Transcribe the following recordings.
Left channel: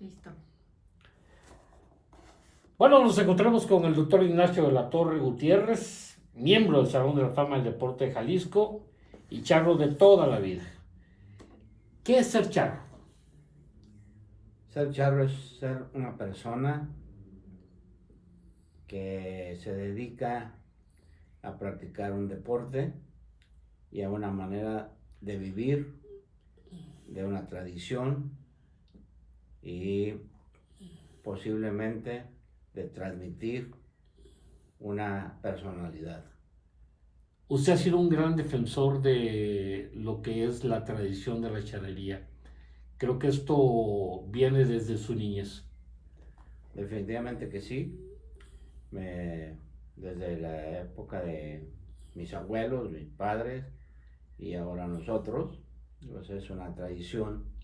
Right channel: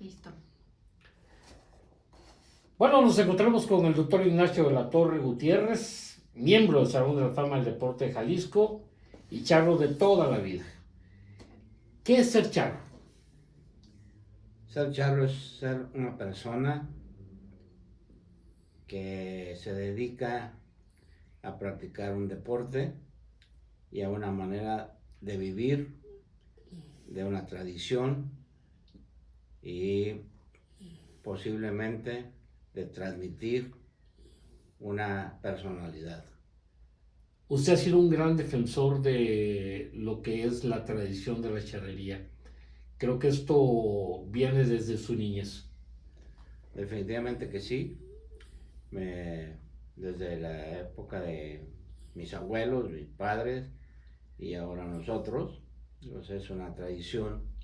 Listo. Bueno, nos encontramos con el doctor Ignacio de la Torre Gutiérrez, miembro del Salón de la Fama del Deporte de Jalisco y charro de toda la vida. ¿Qué es ser charro? Ser charro es ser una persona que se dedica a practicar un deporte y a una manera de vivir, de una tradición y posiblemente de transmitir una personalidad. Usted ha sido un gran defensor de lo que es la tradición de la charrería. Creo que esto viene desde su niñez. Definitivamente que sí. Desde la época de mis abuelos, mis padres y ahora nosotros, pues es una tradición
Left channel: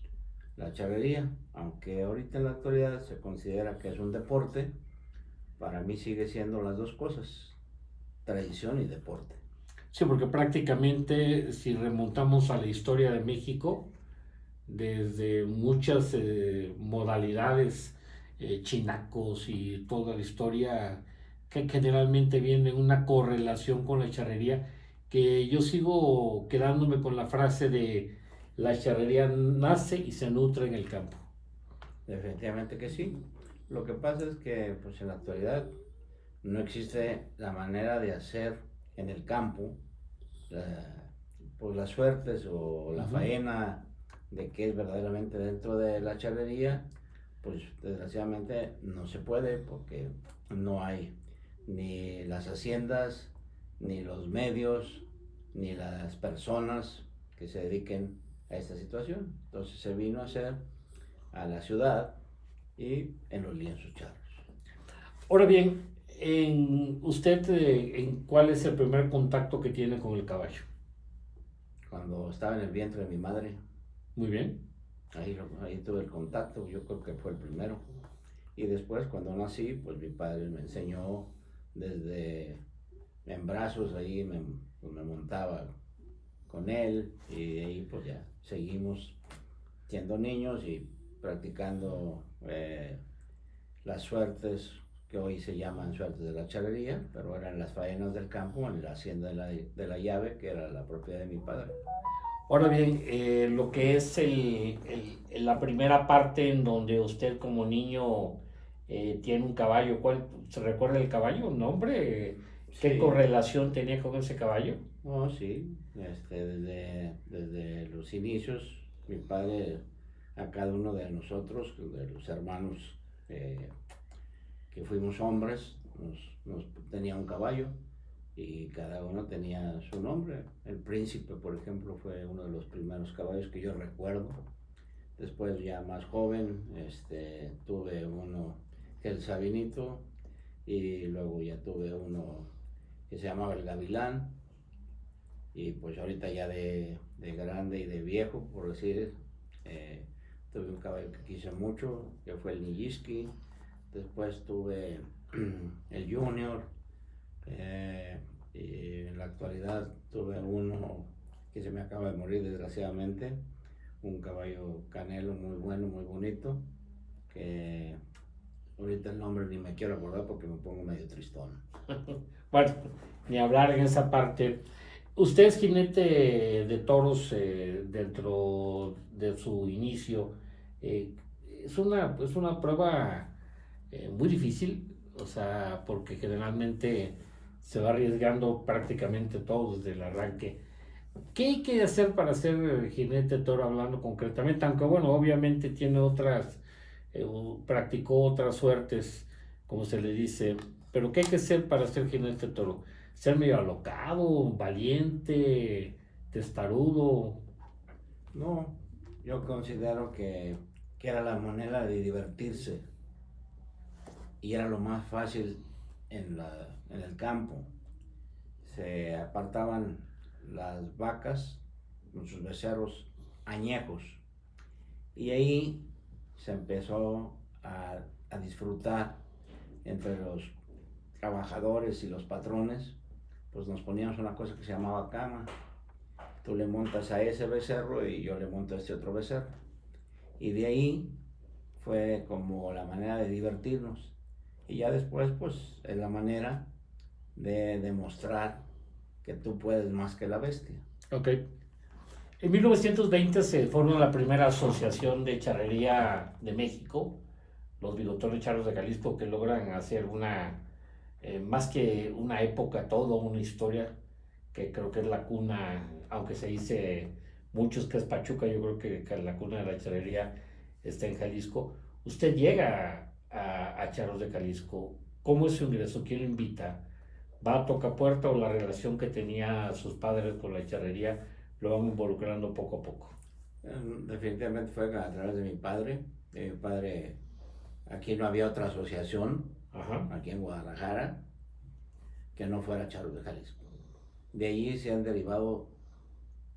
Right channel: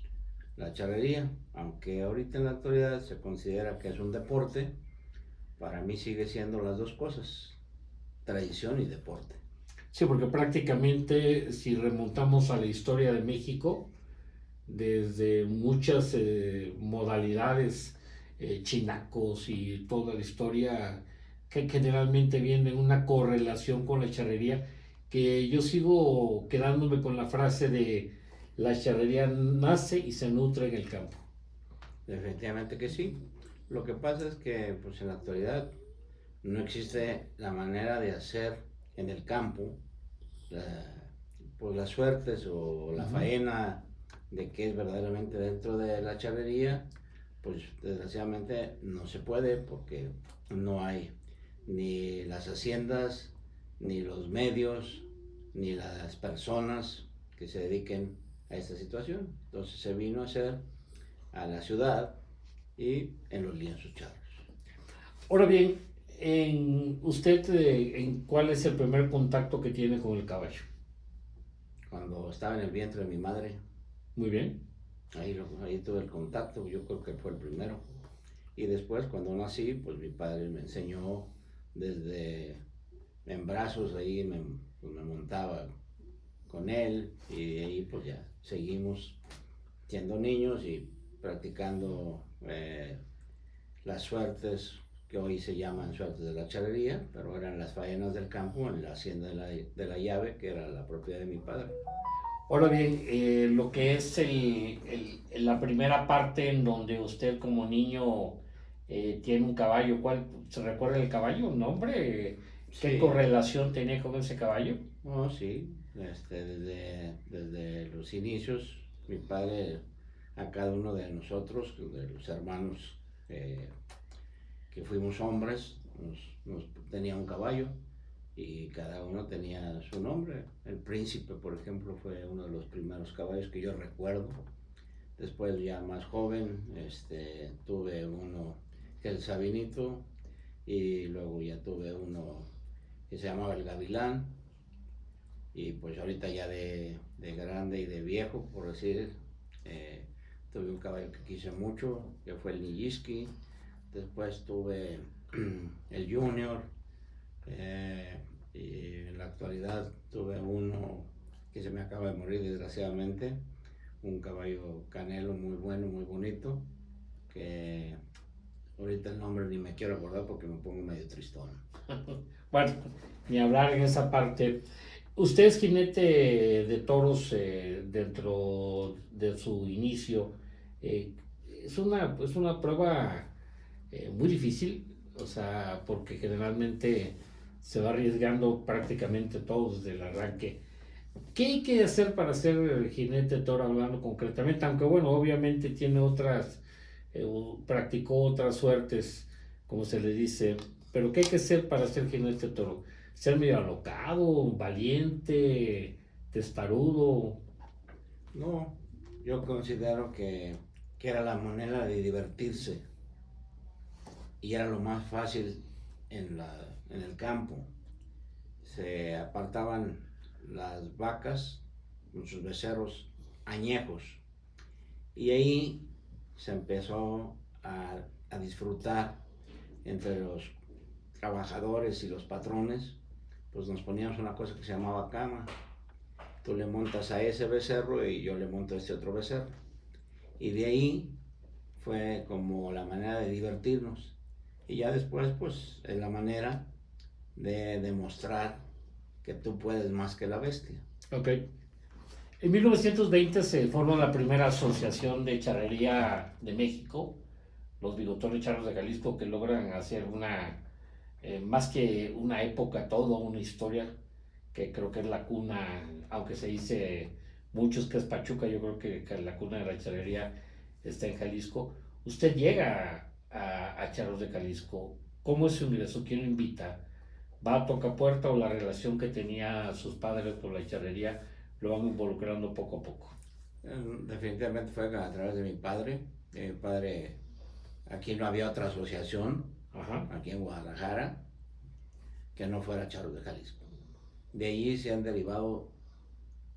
la charrería, aunque ahorita en la actualidad se considera que es un deporte. Para mí sigue siendo las dos cosas, tradición y deporte. Sí, porque prácticamente si remontamos a la historia de México, desde muchas modalidades, chinacos y toda la historia que generalmente viene en una correlación con la charrería, que yo sigo quedándome con la frase de la charrería nace y se nutre en el campo. Definitivamente que sí. Lo que pasa es que pues en la actualidad no existe la manera de hacer en el campo la, pues las suertes o la faena de que es verdaderamente dentro de la charrería, pues desgraciadamente no se puede porque no hay ni las haciendas, ni los medios, ni las personas que se dediquen a esta situación. Entonces se vino a hacer a la ciudad y en los lienzos charros. Ahora bien, usted, ¿cuál es el primer contacto que tiene con el caballo? Cuando estaba en el vientre de mi madre, Muy bien. ahí tuve el contacto, yo creo que fue el primero. Y después cuando nací, pues mi padre me enseñó desde en brazos, ahí pues me montaba con él y ahí pues ya seguimos siendo niños y practicando las suertes que hoy se llaman suertes de la charrería, pero eran las faenas del campo en la hacienda de la llave, que era la propiedad de mi padre. Ahora bien, lo que es la primera parte en donde usted como niño tiene un caballo, ¿cuál se recuerda el caballo? ¿Nombre? ¿Qué Sí, correlación tenía con ese caballo? oh, sí, desde los inicios, mi padre a cada uno de nosotros, de los hermanos eh, que fuimos hombres, nos tenía un caballo y cada uno tenía su nombre. El príncipe, por ejemplo, fue uno de los primeros caballos que yo recuerdo. Después ya más joven, tuve uno que es el Sabinito y luego ya tuve uno que se llamaba el Gavilán y pues ahorita ya de grande y de viejo, por decir, tuve un caballo que quise mucho, que fue el Nijiski. Después tuve el Junior, y en la actualidad tuve uno que se me acaba de morir desgraciadamente, un caballo canelo muy bueno, muy bonito, que ahorita el nombre ni me quiero acordar porque me pongo medio tristón. Bueno, ni hablar en esa parte. Usted es jinete de toros dentro de su inicio. Eh, es una prueba muy difícil, o sea, porque generalmente se va arriesgando prácticamente todo desde el arranque. ¿Qué hay que hacer para ser jinete toro hablando concretamente? Aunque bueno, obviamente tiene otras, practicó otras suertes, como se le dice, pero ¿qué hay que hacer para ser jinete toro? Ser medio alocado, valiente, testarudo. No, yo considero que era la manera de divertirse y era lo más fácil en el campo. Se apartaban las vacas con sus becerros añejos y ahí se empezó a disfrutar entre los trabajadores y los patrones. Pues nos poníamos una cosa que se llamaba cama. Tú le montas a ese becerro y yo le monto a este otro becerro. Y de ahí fue como la manera de divertirnos. Y ya después, pues, es la manera de demostrar que tú puedes más que la bestia. Ok. En 1920 se formó la primera asociación de charrería de México, los bigotones charros de Jalisco, que logran hacer más que una época, todo una historia, que creo que es la cuna, aunque se dice muchos que es Pachuca, yo creo que la cuna de la charrería está en Jalisco. Usted llega a Charros de Jalisco, ¿cómo es su ingreso? ¿Quién lo invita? ¿Va a tocar puerta o la relación que tenía sus padres con la charrería lo van involucrando poco a poco? Definitivamente fue a través de mi padre. Mi padre, aquí no había otra asociación, Ajá. aquí en Guadalajara, que no fuera Charros de Jalisco. De allí se han derivado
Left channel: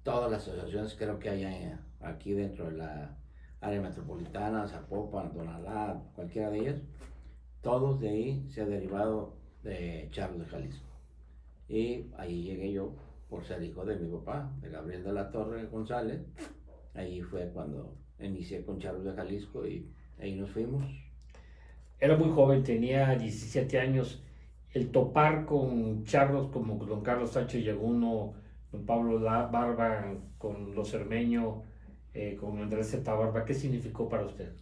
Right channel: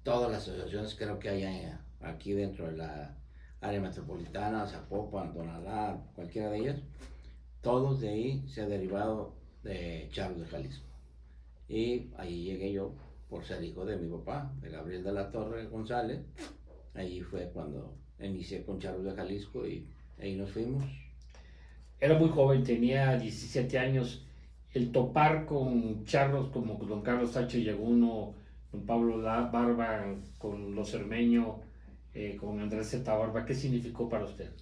todas las asociaciones, creo que hay aquí dentro de la área metropolitana, Zapopan, Tonalá, cualquiera de ellas. Todos de ahí se ha derivado de Charros de Jalisco. Y ahí llegué yo por ser hijo de mi papá, de Gabriel de la Torre González. Ahí fue cuando inicié con Charros de Jalisco y ahí nos fuimos. Era muy joven, tenía 17 años. El topar con charros como don Carlos Sánchez Yaguno, don Pablo Barba, con los Cermeño, con Andrés Z. Barba, ¿qué significó para usted?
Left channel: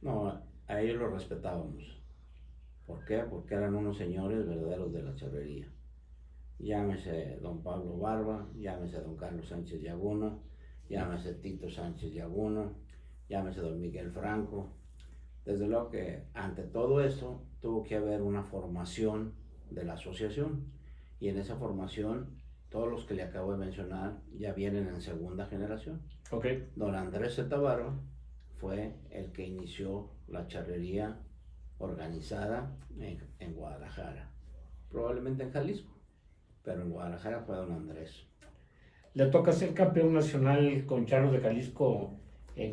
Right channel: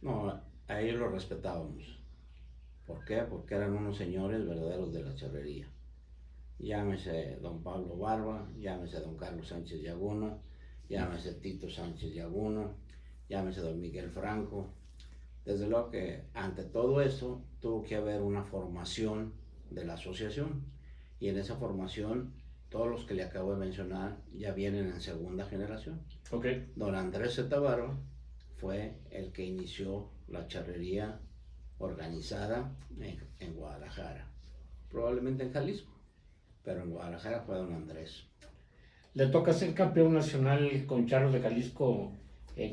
No, a ellos los respetábamos. ¿Por qué? Porque eran unos señores verdaderos de la charrería. Llámese don Pablo Barba, llámese don Carlos Sánchez Yaguno, llámese Tito Sánchez Yaguno, llámese don Miguel Franco. Desde luego que ante todo eso tuvo que haber una formación de la asociación, y en esa formación todos los que le acabo de mencionar ya vienen en segunda generación. Okay. Don Andrés Z. Barba fue el que inició la charrería organizada en Guadalajara, probablemente en Jalisco, pero en Guadalajara fue don Andrés. Le toca ser campeón nacional con Charros de Jalisco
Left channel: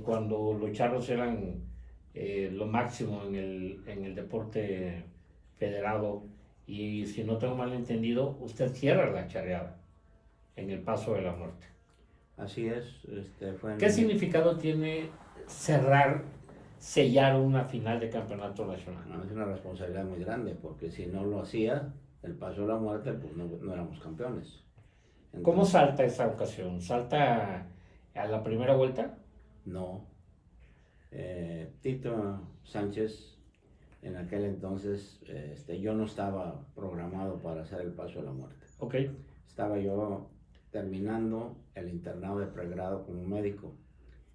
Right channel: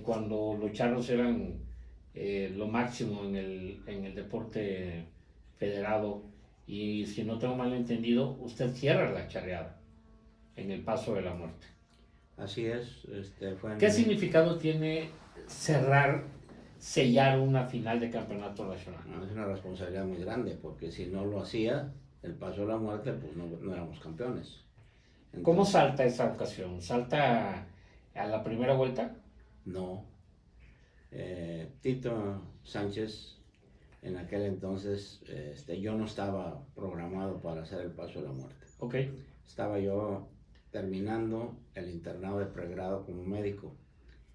cuando los charros eran lo máximo en el deporte federado, y si no tengo mal entendido, usted cierra la charreada en el Paso de la Muerte. Así es. ¿Qué significado tiene sellar una final de campeonato nacional? No, es una responsabilidad muy grande, porque si no lo hacía, el Paso de la Muerte, pues no éramos campeones. Entonces, ¿cómo salta esa ocasión? ¿Salta a la primera vuelta? No. Tito Sánchez, en aquel entonces, yo no estaba programado para hacer el Paso de la Muerte. Okay. Estaba yo terminando el internado de pregrado como médico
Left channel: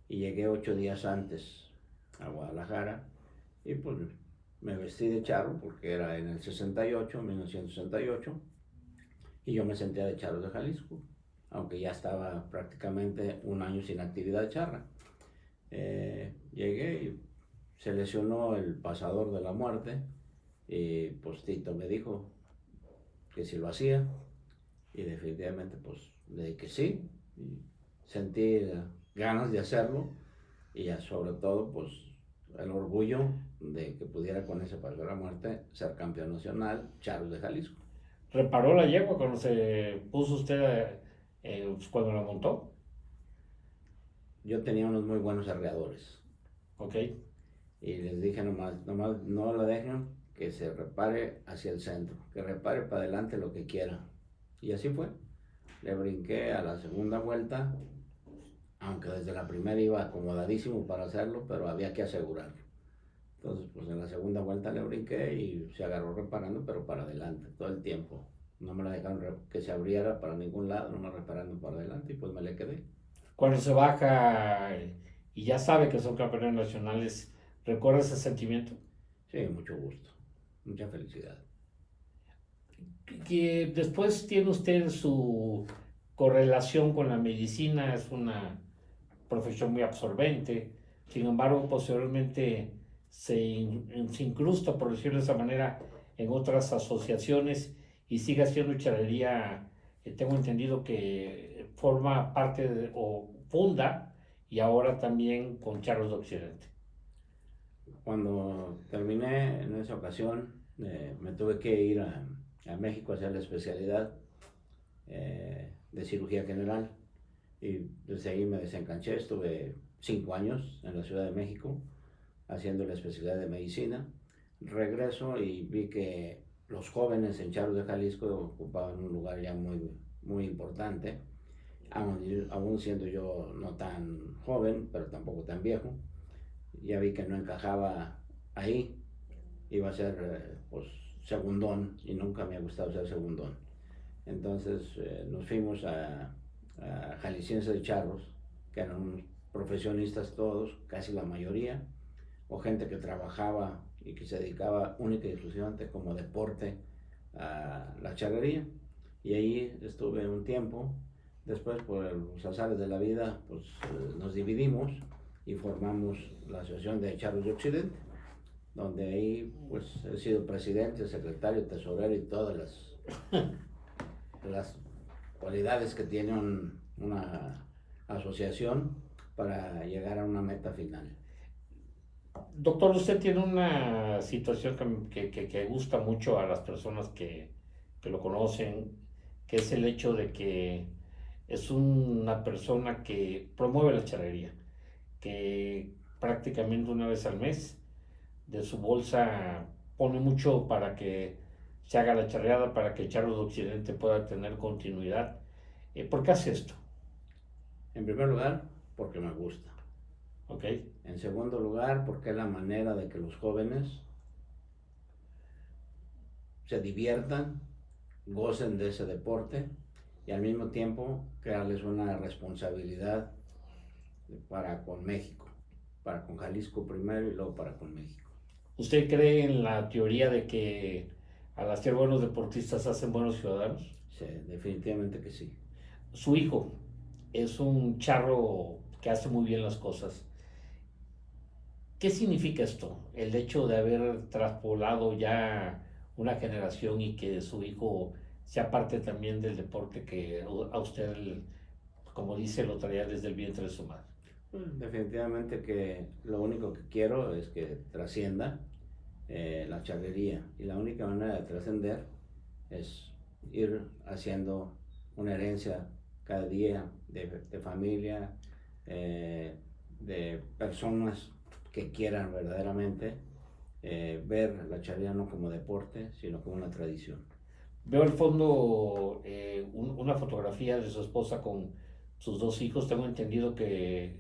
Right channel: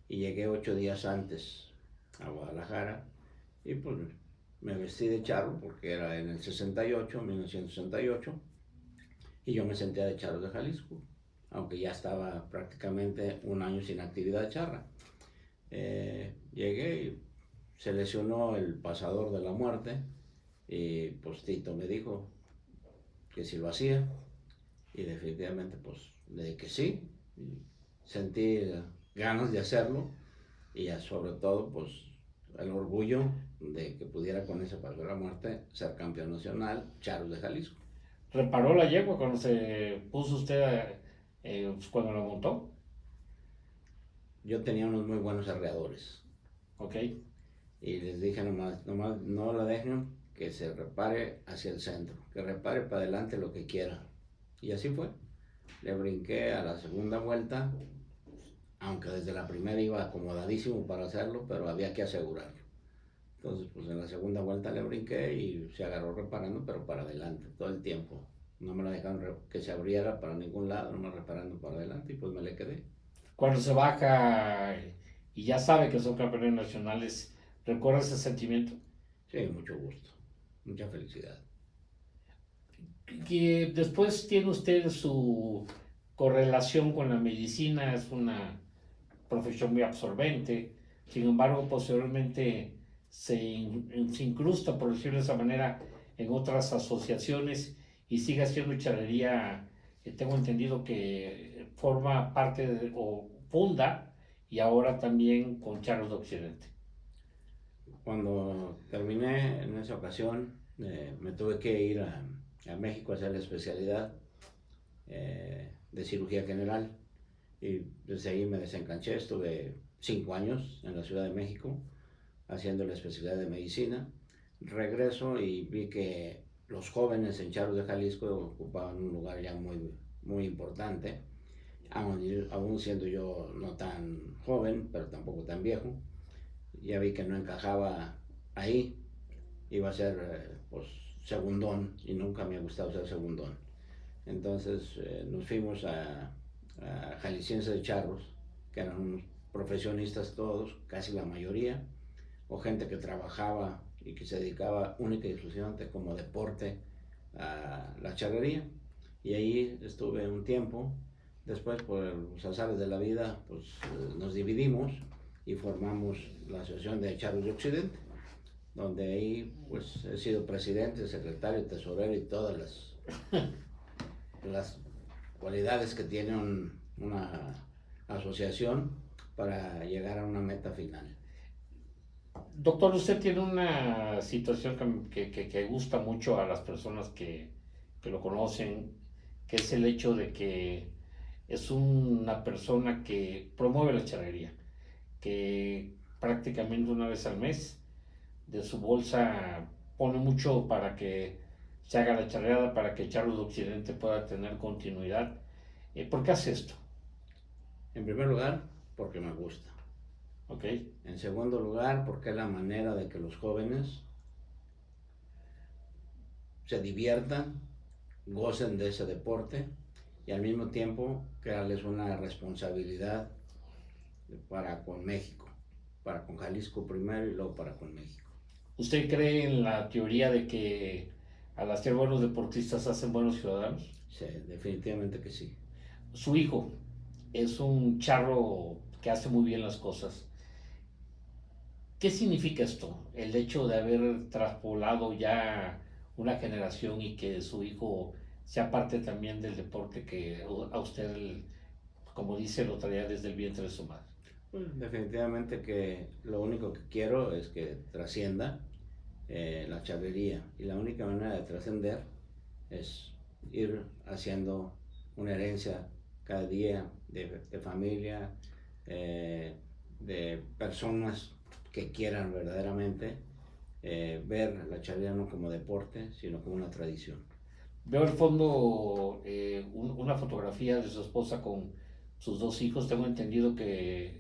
y llegué 8 días antes a Guadalajara, y pues me vestí de charro porque era en el 1968, y yo me sentía de Charros de Jalisco, aunque ya estaba prácticamente un año sin actividad charra. Llegué y se lesionó el pasador de la muerte, y pues Tito me dijo que si lo hacía, y definitivamente pues le dije que sí, y sentí ganas de hacerlo, y ya sobre todo pues el orgullo de que pudiera con ese paso de la muerte ser campeón nacional Charros de Jalisco. ¿Reparó la yegua cuando se puso usted cuando la montó? Yo tenía unos muy buenos arreadores. Ok. Y les dije nomás no la dejen que se repare hacia el centro, que repare para adelante lo que quiera. Y así fue. Le brinqué a la segunda vuelta, aunque desde la primera iba acomodadísimo para hacerlo, pero había que asegurarlo. Entonces, pues en la segunda vuelta le brinqué y se agarró reparando, pero para adelante, todo el tiempo. No me la dejaron que se abriera para ningún lado, nomás reparando para adelante, y pues me le quedé. Cuando se baja y ya sabe que son campeones nacionales, ¿recuerda ese sentimiento? Sí, mucho gusto, mucha felicidad. Que después tiene usted su correlación con la medicina, es una profesión muy absorbente, sin embargo posteriormente se incrusta, por decirlo de esa manera, en otras asociaciones y sigue haciendo charrería. Tengo entendido que forma parte o funda, y ahora también con Charros de Occidente. Cuando terminé en esa ocasión, me tuve que ir a México a hacer la especialidad de cirugía general, y desde ahí me desencanché. Estuve 5 años en la Ciudad de México haciendo la especialidad de medicina. Regreso y vi que los jóvenes en Charros de Jalisco ocupaban un lugar ya muy importante, aún siendo yo no tan joven, pero tampoco tan viejo. Ya vi que no encajaba ahí, iba a ser pues segundón, y nunca me ha gustado ser segundón. Entonces nos fuimos a Jalisciense de Charros, que eran unos profesionistas todos, casi la mayoría, o gente que trabajaba y que se dedicaba única y exclusivamente como deporte a la charrería. Y ahí estuve un tiempo. Después, por los azares de la vida, pues nos dividimos y formamos la Asociación de Charros de Occidente, donde ahí pues he sido presidente, secretario, tesorero y todas las cualidades que tiene una asociación para llegar a una meta final. Doctor, usted tiene una situación que gusta mucho a las personas que lo conocen, que es el hecho de que es una persona que promueve la charrería, que prácticamente una vez al mes de su bolsa pone mucho para que se haga la charreada, para que Charros de Occidente pueda tener continuidad. ¿Por qué hace esto? En primer lugar, porque me gusta. ¿Ok? En segundo lugar, porque es la manera de que los jóvenes se diviertan, gocen de ese deporte y al mismo tiempo crearles una responsabilidad para con México, para con Jalisco primero y luego para con México. ¿Usted cree en la teoría de que al hacer buenos deportistas hacen buenos ciudadanos? Sí, definitivamente que sí. Su hijo es un charro que hace muy bien las cosas. ¿Qué significa esto? El hecho de haber traspolado ya una generación y que su hijo sea parte también del deporte que a usted, como dice, lo traía desde el vientre de su madre. Definitivamente que lo único que quiero es que trascienda la charrería, y la única manera de trascender es ir haciendo una herencia cada día de familia, de personas que quieran verdaderamente ver la charrería no como deporte, sino como una tradición. Veo al fondo una fotografía de su esposa con sus dos hijos. Tengo entendido que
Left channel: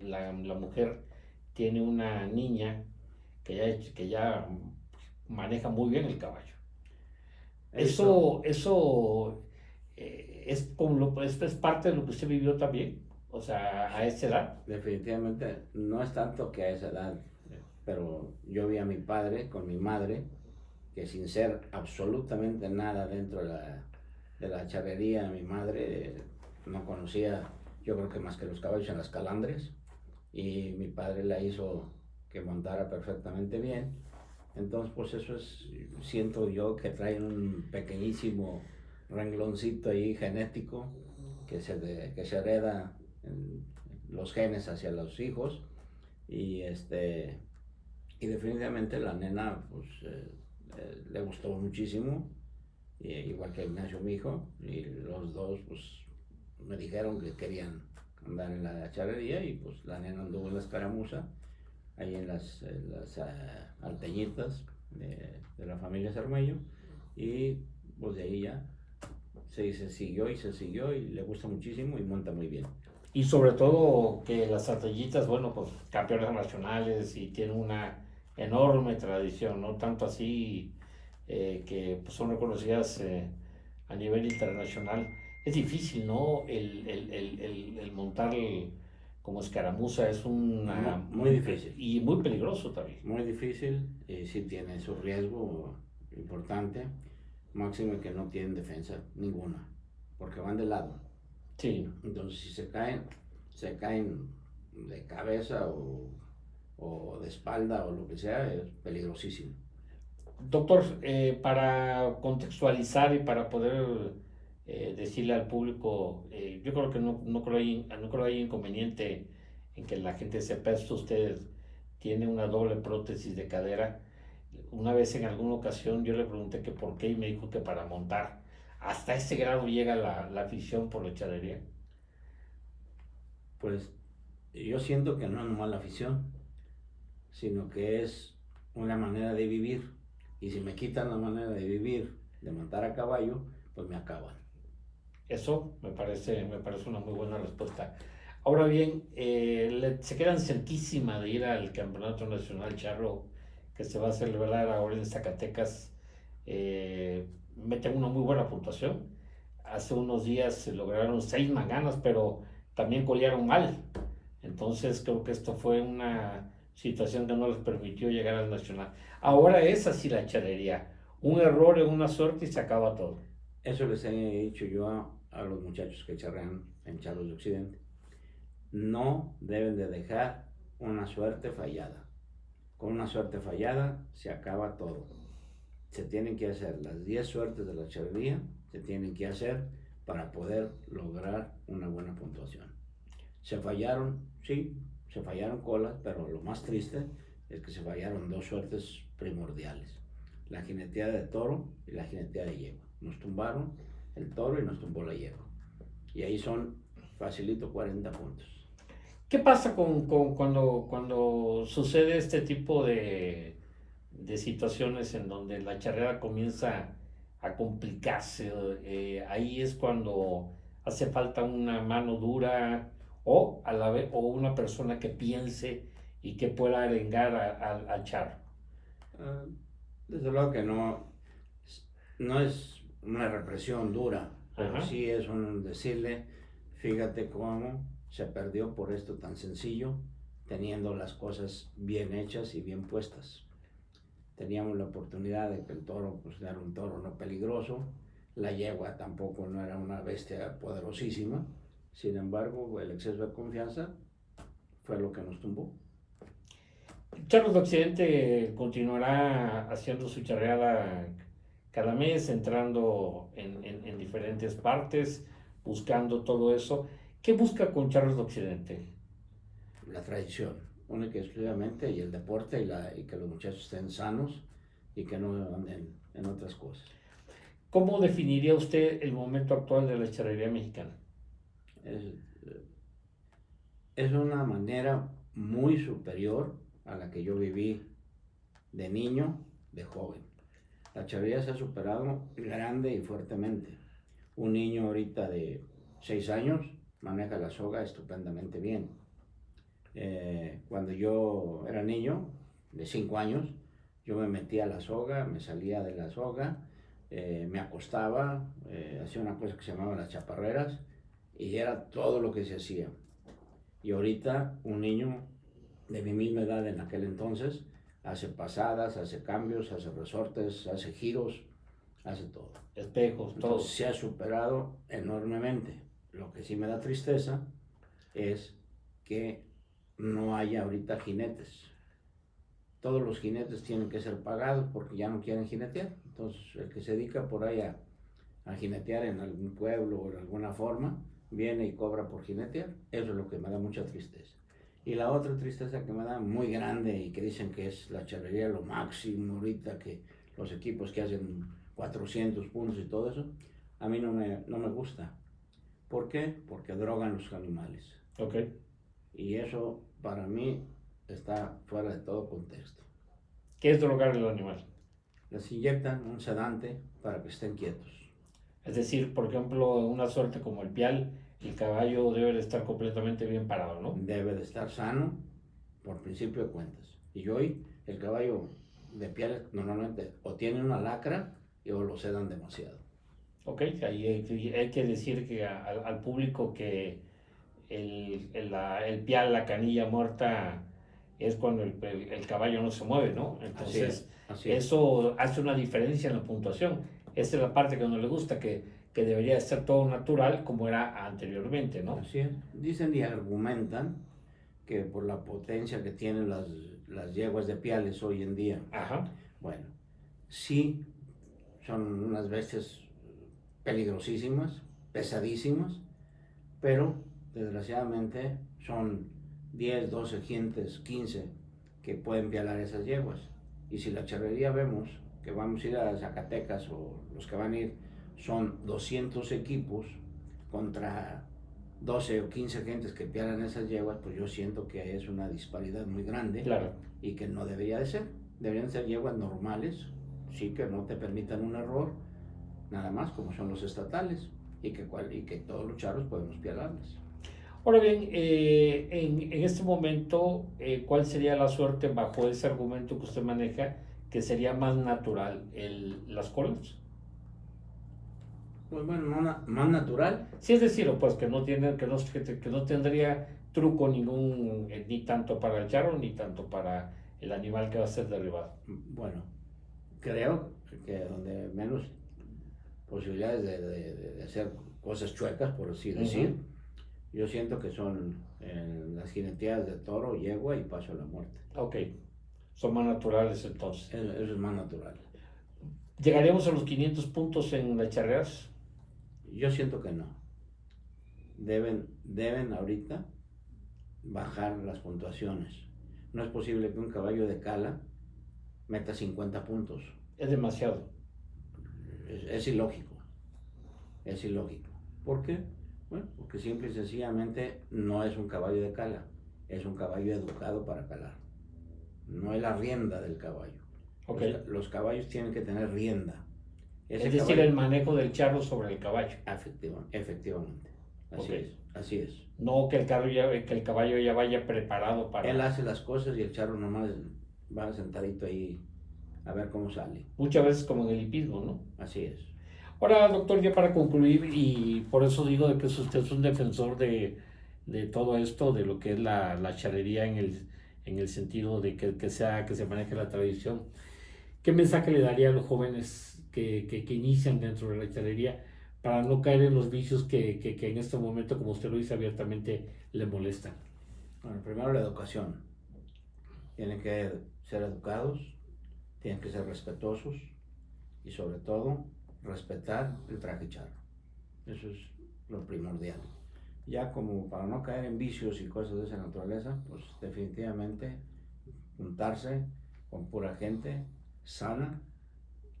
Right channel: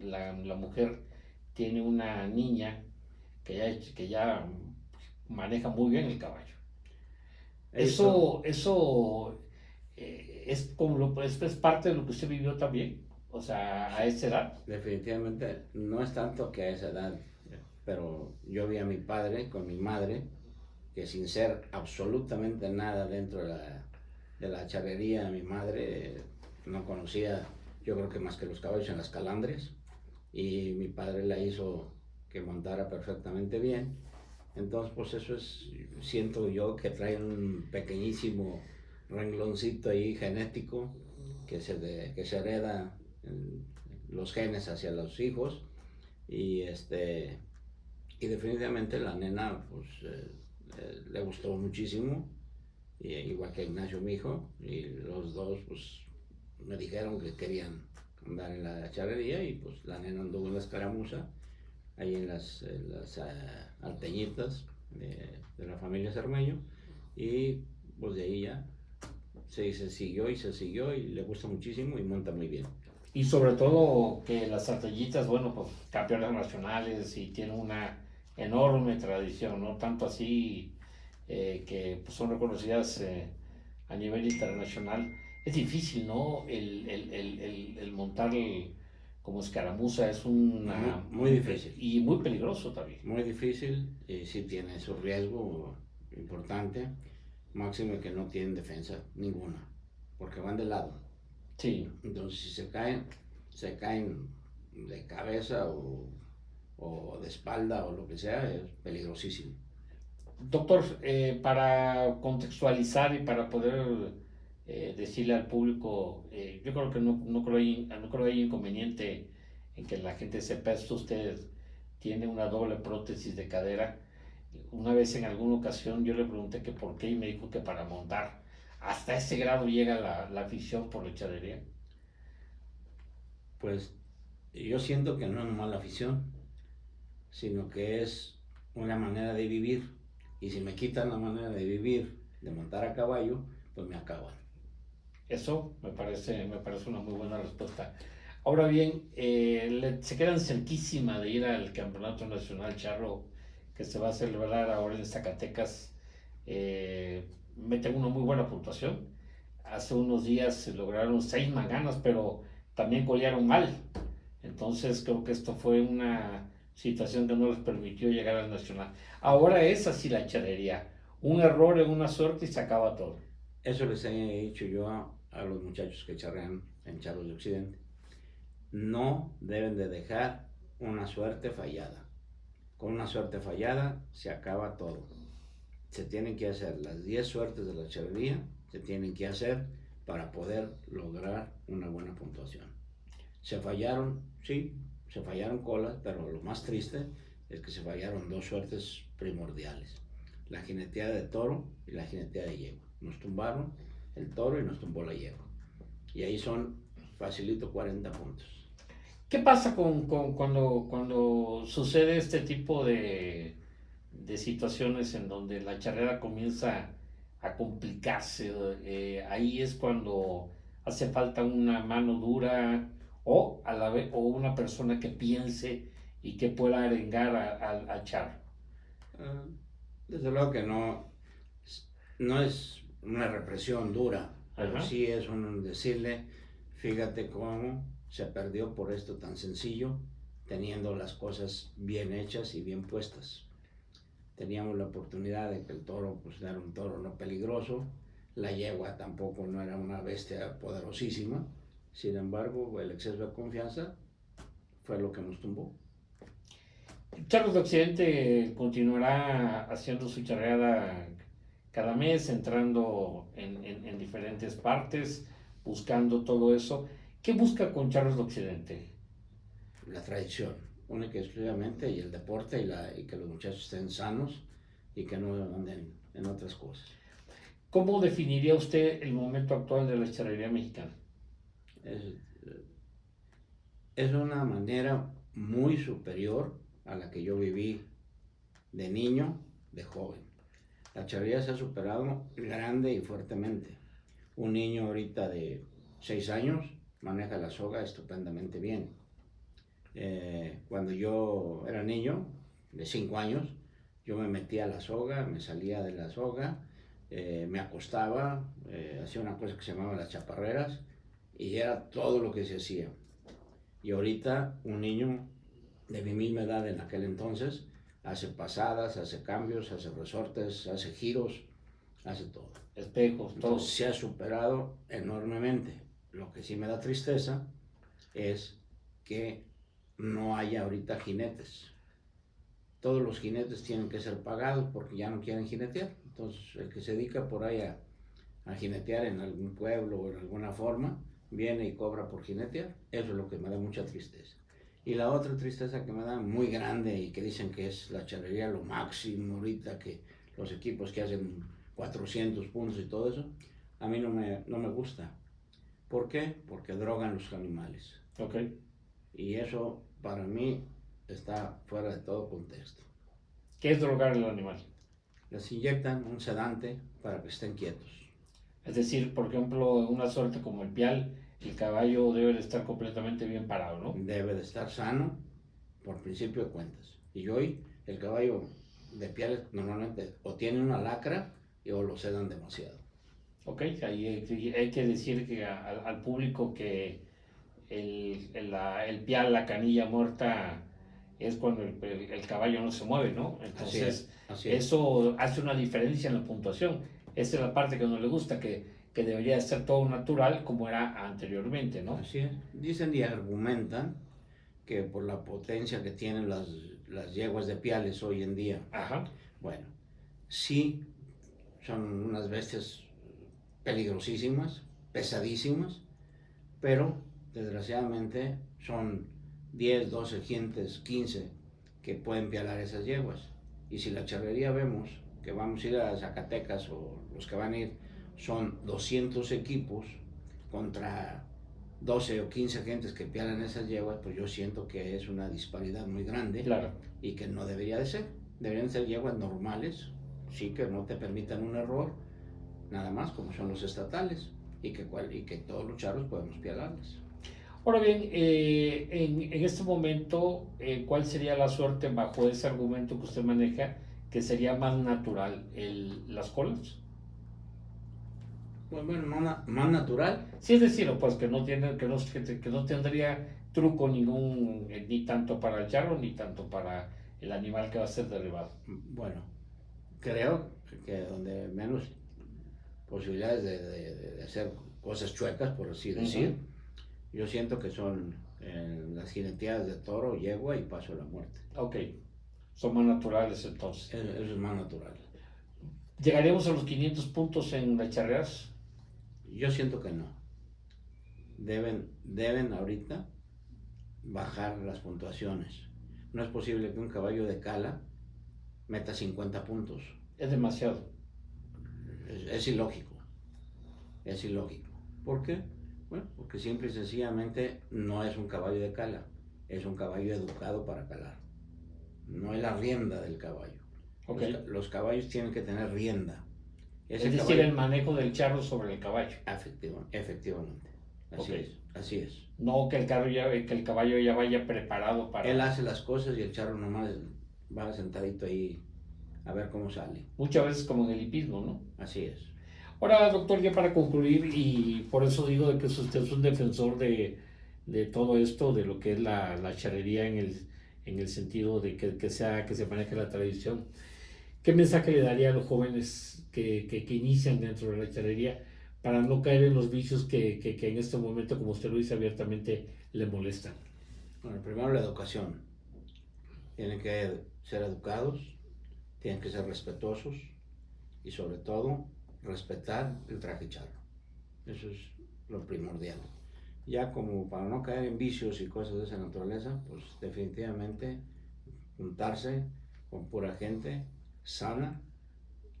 la mujer tiene una niña que ya maneja muy bien el caballo. Eso es parte de lo que usted vivió también, o sea, a esa edad. Definitivamente no es tanto que a esa edad, pero yo vi a mi padre con mi madre, que sin ser absolutamente nada dentro de la charrería, mi madre no conocía, yo creo que más que los caballos en las calandres, y mi padre la hizo que montara perfectamente bien. Entonces, pues eso es, siento yo que trae un pequeñísimo rengloncito ahí genético que se hereda en los genes hacia los hijos, y y definitivamente la nena pues le gustó muchísimo, igual que Ignacio, mi hijo, y los dos pues me dijeron que querían andar en la charrería, y pues la nena anduvo en la escaramuza, ahí en las alteñitas de la familia Cermeño, y pues de ahí ya se siguió y le gusta muchísimo y monta muy bien. Y sobre todo que las ardillitas, bueno, pues campeonas nacionales y tienen una enorme tradición, ¿no? Tanto así que pues, son reconocidas a nivel internacional. Es difícil, ¿no? El montar como escaramuza es muy difícil. Y muy peligroso también. Muy difícil, y sí tiene su riesgo importante, máximo que no tienen defensa ninguna, porque van de lado. Sí. Entonces si se caen de cabeza o de espalda o lo que sea, es peligrosísimo. Doctor, para contextualizar y para poder decirle al público, yo creo que no creo hay inconveniente en que la gente sepa esto. Usted tiene una doble prótesis de cadera. Una vez en alguna ocasión yo le pregunté que por qué y me dijo que para montar. ¿Hasta ese grado llega la afición por la charrería? Pues yo siento que no es nomás la afición, sino que es una manera de vivir. Y si me quitan la manera de vivir, de montar a caballo, pues me acaban. Eso me parece una muy buena respuesta. Ahora bien, se quedan cerquísima de ir al Campeonato Nacional Charro que se va a celebrar ahora en Zacatecas. Meten una muy buena puntuación. Hace unos días se lograron 6 manganas, pero también colearon mal. Entonces creo que esto fue una situación que no les permitió llegar al Nacional. Ahora es así la charrería. Un error en una suerte y se acaba todo. Eso les he dicho yo a los muchachos que charrean en Charros de Occidente. No deben de dejar una suerte fallada. Con una suerte fallada se acaba todo. Se tienen que hacer las 10 suertes de la charrería, se tienen que hacer para poder lograr una buena puntuación. Se fallaron, sí, se fallaron colas, pero lo más triste es que se fallaron 2 suertes primordiales. La jineteada de toro y la jineteada de yegua. Nos tumbaron el toro y nos tumbó la yegua. Y ahí son facilito 40 puntos. ¿Qué pasa cuando sucede este tipo de situaciones en donde la charreada comienza a complicarse? Ahí es cuando hace falta una mano dura o a la vez o una persona que piense y que pueda arengar al charro. Desde luego que no es una represión dura, pero Ajá. sí es un decirle, fíjate cómo se perdió por esto tan sencillo, teniendo las cosas bien hechas y bien puestas. Teníamos la oportunidad de que el toro pues era un toro no peligroso, la yegua tampoco no era una bestia poderosísima, sin embargo el exceso de confianza fue lo que nos tumbó. Charros de Occidente continuará haciendo su charreada cada mes, entrando en diferentes partes, buscando todo eso. ¿Qué busca con Charros de Occidente? La tradición, única y exclusivamente, y el deporte, y que los muchachos estén sanos y que no anden en otras cosas. ¿Cómo definiría usted el momento actual de la charrería mexicana? Es, es una manera muy superior a la que yo viví de niño, de joven. La charrería se ha superado grande y fuertemente. Un niño ahorita de 6 años maneja la soga estupendamente bien. Cuando yo era niño, de 5 años, yo me metía a la soga, me salía de la soga, me acostaba, hacía una cosa que se llamaba las chaparreras y era todo lo que se hacía. Y ahorita un niño de mi misma edad en aquel entonces hace pasadas, hace cambios, hace resortes, hace giros, hace todo. Espejos, todo. Entonces se ha superado enormemente. Lo que sí me da tristeza es que no haya ahorita jinetes. Todos los jinetes tienen que ser pagados porque ya no quieren jinetear. Entonces el que se dedica por ahí a jinetear en algún pueblo o en alguna forma, viene y cobra por jinetear. Eso es lo que me da mucha tristeza. Y la otra tristeza que me da muy grande y que dicen que es la charrería lo máximo ahorita, que los equipos que hacen 400 puntos y todo eso, a mí no me gusta. ¿Por qué? Porque drogan los animales. Ok. Y eso para mí está fuera de todo contexto. ¿Qué es drogar al animal? Les inyectan un sedante para que estén quietos. Es decir, por ejemplo, una suerte como el pial, el caballo debe de estar completamente bien parado, ¿no? Debe de estar sano por principio de cuentas. Y hoy el caballo de piel normalmente o tiene una lacra o lo sedan demasiado. Ok, ahí hay que decir que al público que el pial, la canilla muerta, es cuando el caballo no se mueve, ¿no? Entonces, así es. eso hace una diferencia en la puntuación. Esa es la parte que no le gusta, que debería ser todo natural como era anteriormente, ¿no? Así es. Dicen y argumentan que por la potencia que tienen las yeguas de piales hoy en día. Ajá. Bueno, sí, son unas bestias peligrosísimas, pesadísimas, pero desgraciadamente son 10, 12 gentes, 15 que pueden pialar esas yeguas. Y si la charrería vemos que vamos a ir a Zacatecas o los que van a ir son 200 equipos contra 12 o 15 gentes que pialan esas yeguas, pues yo siento que es una disparidad muy grande. Claro. y que no debería de ser. Deberían ser yeguas normales, sí, que no te permitan un error, nada más, como son los estatales, y que todos los charros podemos pialarles. Ahora bien, en este momento, ¿cuál sería la suerte bajo ese argumento que usted maneja, que sería más natural, las colas? Pues bueno, más natural. Sí, es decir, pues que no tiene, que no tendría truco ningún, ni tanto para el charro, ni tanto para el animal que va a ser derribado. Bueno, creo que donde menos posibilidades de hacer cosas chuecas, por así decir, yo siento que son las jineteadas de toro, yegua y paso a la muerte. Ok, son más naturales entonces. Eso es más natural. ¿Llegaremos a los 500 puntos en las charreras? Yo siento que no. Deben ahorita bajar las puntuaciones. No es posible que un caballo de cala meta 50 puntos. Es demasiado. Es ilógico. Es ilógico. ¿Por qué? Bueno, porque simple y sencillamente no es un caballo de cala, es un caballo educado para calar. No es la rienda del caballo. Okay. Los caballos tienen que tener rienda. Es decir, caballo, el manejo del charro sobre el caballo. Efectivamente. Así es. No que el caballo ya vaya preparado para... Él hace las cosas y el charro nomás va sentadito ahí a ver cómo sale. Muchas veces como en el hipismo, ¿no? Así es. Ahora, doctor, ya para concluir, y por eso digo de que usted es un defensor de todo esto, de lo que es la charrería en el sentido de que se maneje la tradición. ¿Qué mensaje le daría a los jóvenes que inician dentro de la charrería para no caer en los vicios que en este momento, como usted lo dice abiertamente, le molestan? Bueno, primero la educación. Tienen que ser educados, tienen que ser respetuosos y sobre todo respetar el traje charro. Eso es lo primordial. Ya como para no caer en vicios y cosas de esa naturaleza, pues definitivamente juntarse con pura gente sana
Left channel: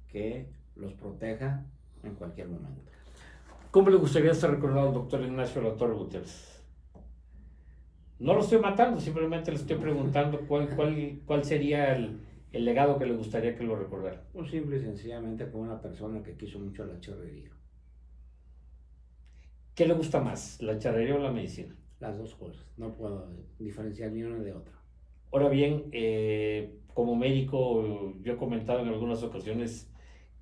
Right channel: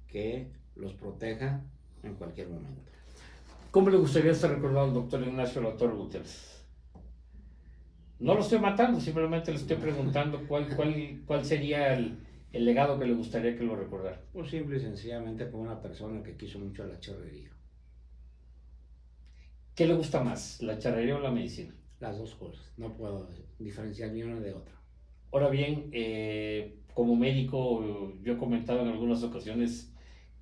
que los proteja en cualquier momento. ¿Cómo le gustaría ser recordado al doctor Ignacio La Torre Gutiérrez? No lo estoy matando, simplemente le estoy preguntando cuál sería el legado que le gustaría que lo recordara. Pues simple y sencillamente como una persona que quiso mucho la charrería. ¿Qué le gusta más, la charrería o la medicina? Las dos cosas, no puedo diferenciar ni una de otra. Ahora bien, como médico, yo he comentado en algunas ocasiones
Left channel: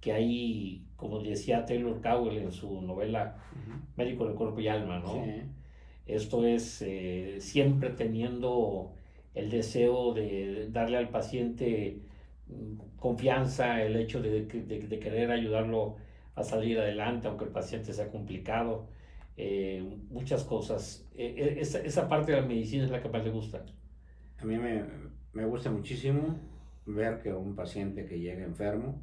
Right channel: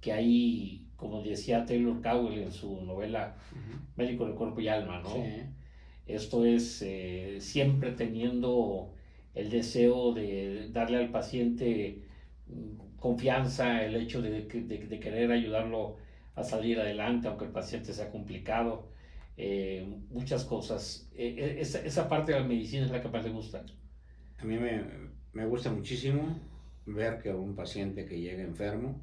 que hay, como decía Taylor Cowell en su novela Médico de Cuerpo y Alma, ¿no? Sí. Esto es siempre teniendo el deseo de darle al paciente confianza, el hecho de querer ayudarlo a salir adelante, aunque el paciente sea complicado, muchas cosas. Esa parte de la medicina es la que más le gusta. A mí me gusta muchísimo ver que un paciente que llega enfermo,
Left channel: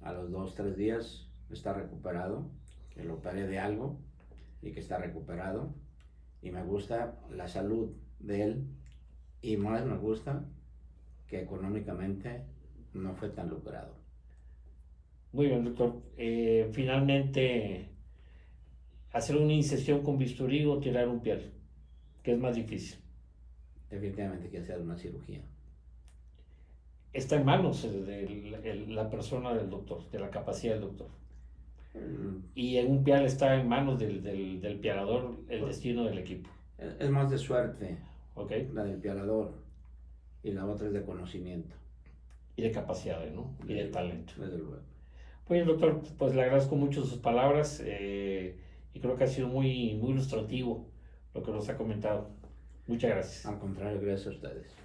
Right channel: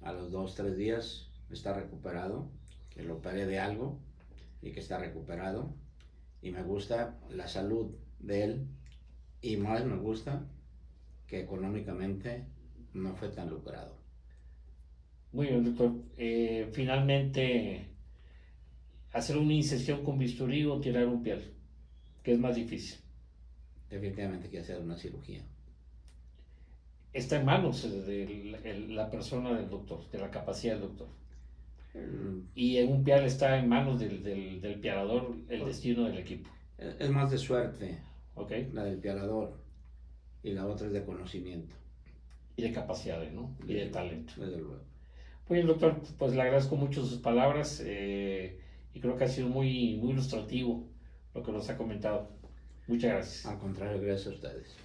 a los 2-3 días está recuperado, que lo operé de algo y que está recuperado, y me gusta la salud de él, y más me gusta que económicamente no fue tan lucrado. Muy bien, doctor. Finalmente, hacer una incisión con bisturí o tirar un piel, ¿qué es más difícil? Definitivamente que hacer una cirugía. Está en manos de la persona del doctor, de la capacidad del doctor. Y en un pial está en manos del pialador el destino del equipo. Es más de suerte, Okay. la del pialador, y la otra es de conocimiento. Y de capacidades, ¿no? Y de talento. Desde luego. Pues doctor, pues le agradezco mucho sus palabras y creo que ha sido muy ilustrativo lo que nos ha comentado. Muchas gracias. Al contrario, gracias a ustedes.